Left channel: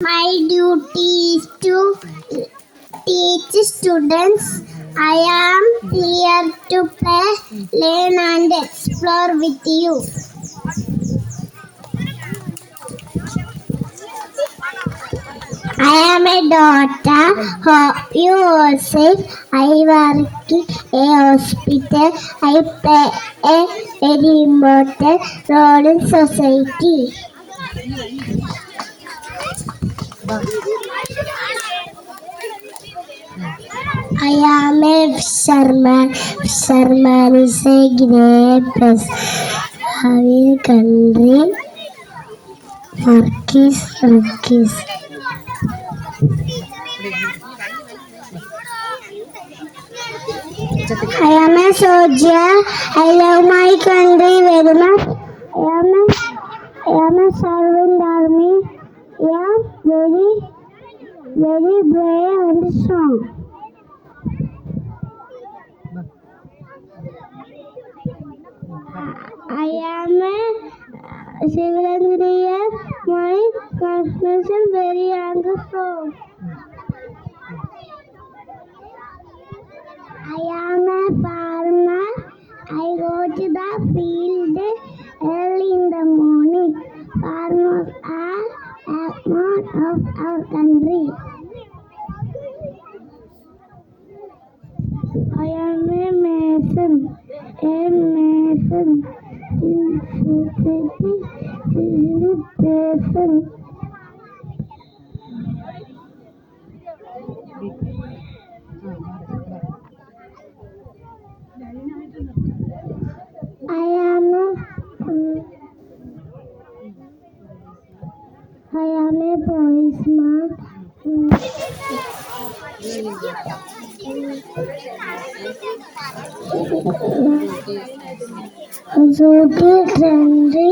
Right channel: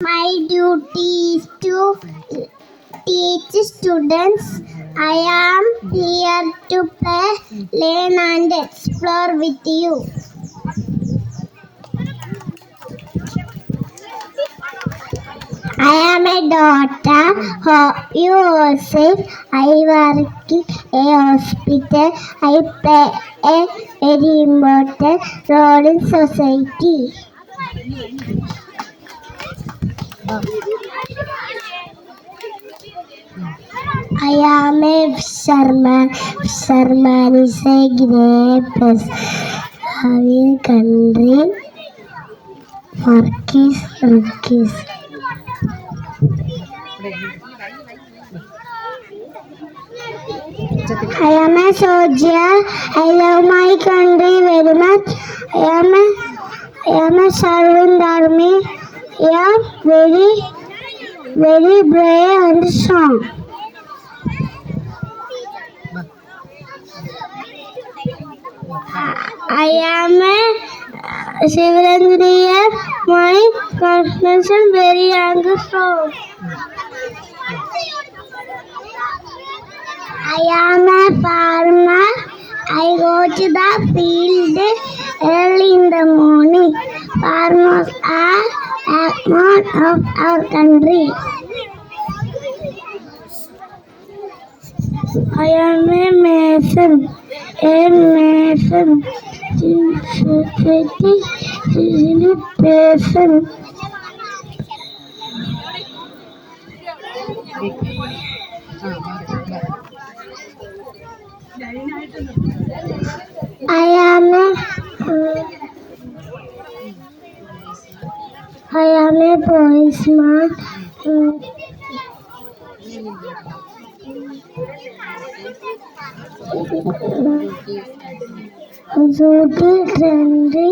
My duty is to teach students. I am here to play, learn, and explore with you. I am a doctor. Hope you are safe. I work in a hospital. I play a very important role in society. I am a fisherman. Fisherman is a great place. Our country work is. I am a soldier. I love my country very much. I am a servant army. I am very brave and strong. I am a civil engineer. My profession very young and strong. I am a farmer. I go to the field early in the morning. Farmers are backbone of our country. I am a mason. A mason. Person. I am a policeman. Duty, trendy.